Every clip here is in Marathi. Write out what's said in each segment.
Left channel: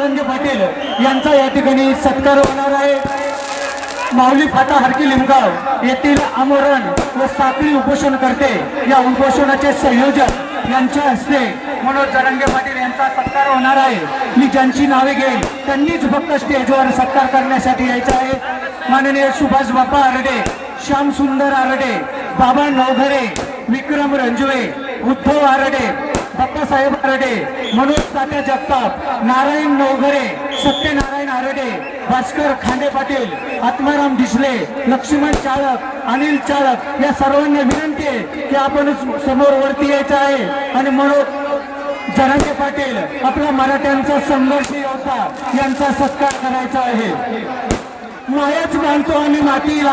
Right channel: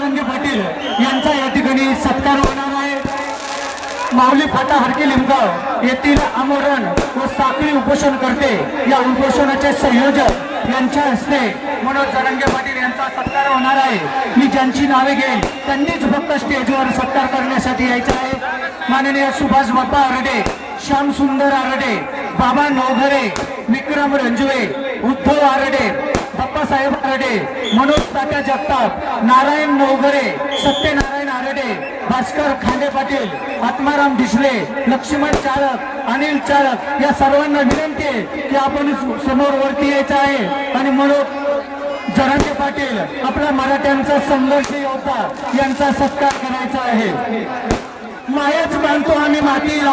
जरंगे पाटील यांचा या ठिकाणी सत्कार होणार आहे. माऊली फाटा हरकी लिमगाव येथील आमरण व साखळी उपोषण करते या उपोषणाचे संयोजक यांच्या हस्ते मनोज जरंगे पाटील यांचा सत्कार होणार आहे. मी ज्यांची नावे घेईन त्यांनीच फक्त स्टेजवर सत्कार करण्यासाठी यायचं आहे. माननीय सुभाष बाप्पा आरडे श्याम सुंदर आरडे बाबा नवघरे विक्रम रंजवे उद्धव आरडे बाप्पासाहेब आरडे मनोज तात्या जगताप नारायण नवघरे सत्यनारायण आरडे भास्कर खांडे पाटील आत्माराम डिसले लक्ष्मण चालक अनिल चालक या सर्वांना विनंती आहे की आपण समोर वरती यायचं आहे. आणि मनोज जरंगे पाटील आपला मराठ्यांचा संघर्ष होता यांचा सत्कार करायचा आहे. मायच मानतो आम्ही मातीला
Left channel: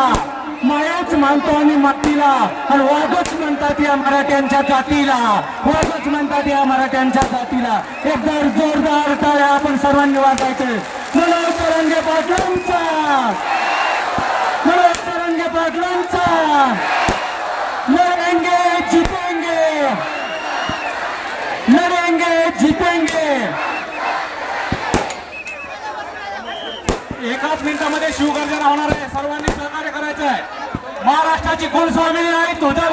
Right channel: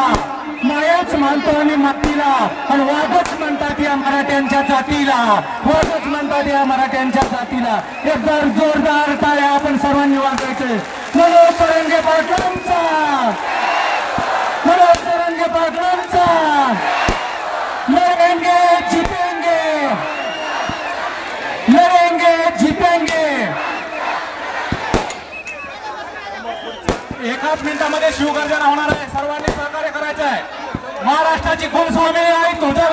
मायच मानतो आम्ही मातीला आणि वाघच म्हणतात या मराठ्यांच्या जातीला वाघच म्हणतात या मराठ्यांच्या जातीला. एक बार जोरदार टाळ्या आपण सर्वांनी वाजायचे एकाच मिनिटामध्ये शिवगर्जना होणार आहे. सर्वांनी सहकार्य करायचं आहे महाराष्ट्राची कुलस्वामी आहे तुझा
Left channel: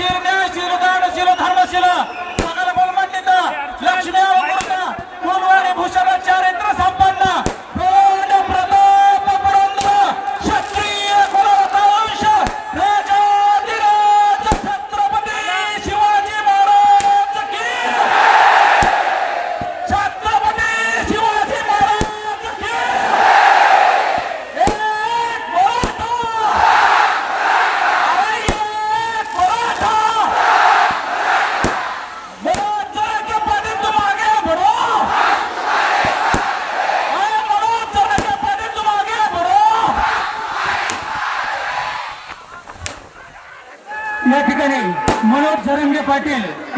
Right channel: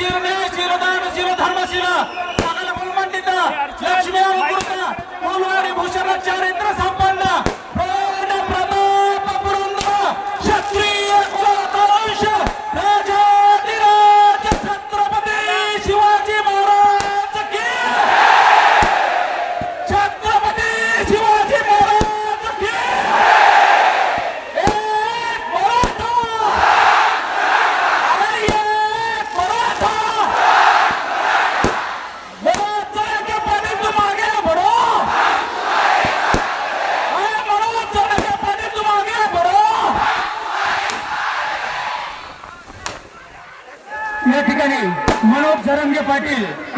zero nine zero nine.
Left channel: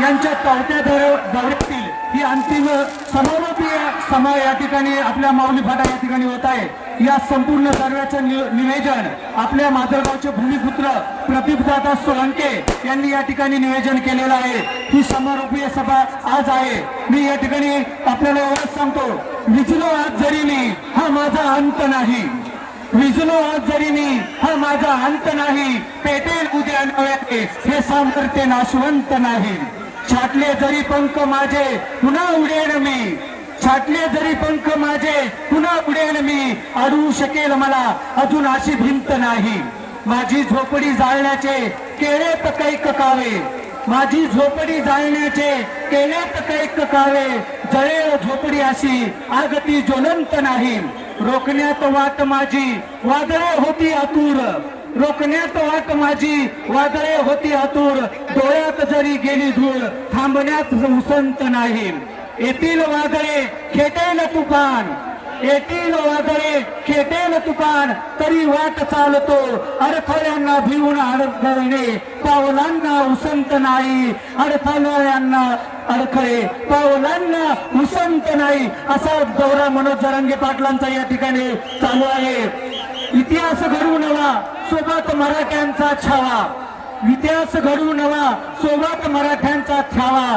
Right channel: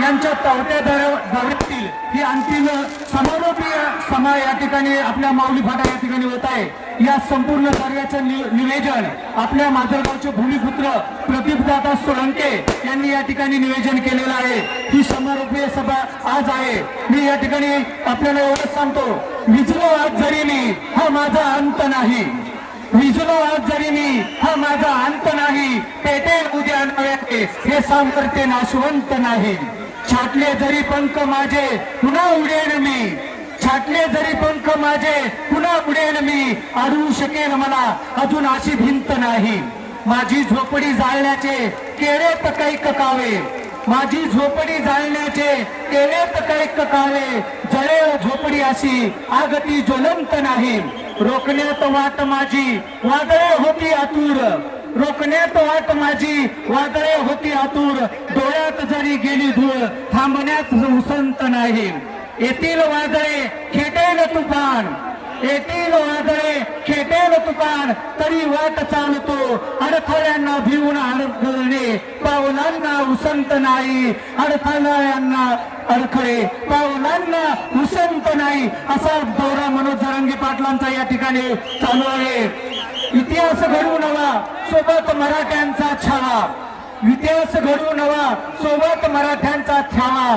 यांच्या तावटे दौऱ्यातील ही अंतिम समारोपीय सभा या ठिकाणी आपल्या माऊली फाटा या ठिकाणी होत आहे. या संपूर्ण सर्वेचं नि- निवेदन आपल्या माधवगावचे भूमिपुत्र प्रदीपदादा सोळंके यांनी या ठिकाणी नियोजन केलेलं आहे. ही समारोपीय सभा आज आहे. मी या ठिकाणी आपल्याला एवढंच सांगतो विजलो आज जरी मी हा माझा अंत नाही. विजलो आज जरी मी हा माझा अंत नाही. नव्हे हे सामर्थ्य नाशवंत नाही. छाटले जरी पंख माझे पुन्हा उडेल मी. छाटले जरी पंख माझे पुन्हा उडेल मी. अडवू शकेल मला अजून अशी भिंत नाही. माझी झोपडी जाळण्याचे केळे कैक ककावे माझी झोपडी जाळण्याचे केळे कैक ककावे जळेल झोपडी अशी आगती ज्वलंत नाही. रोखण्यात वाट माझी वादळे होती आतुर. रोखण्यात वाट माझी वादळे होती आतूर डोळ्यात जरी गेली धूळ थांबण्यात उसंत येतील वादळे खेटेल तुफान येतील वादळे खेटेल तुफान तरी वाट चालतो अडथळ्यांना भिवून अडगळणे पावलांना उसंत नाही अडथळ्यांना अडखळे पावलांना उसंत नाही असा दौरा मनोज जरंगे पाटलांचा या ठिकाणी चालू आहे इतिहास घडवू नवा सोबत मराठ्यांचा छवा इतिहास घडवू नवा सोबत मराठ्यांचा छावा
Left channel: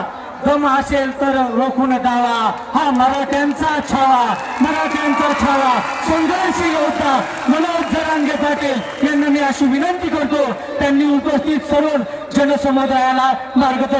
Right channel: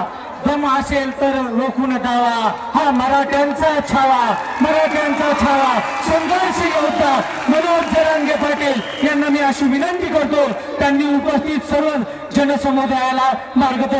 दम असेल तर रोखून दावा हा मराठ्यांचा छावा. मराठ्यांचा छावा. संघर्ष होता. मनोज जरांगे पाटील यांना मी अशी विनंती करतो त्यांनी उपस्थित सर्व जनसमुदायाला मार्गदर्शन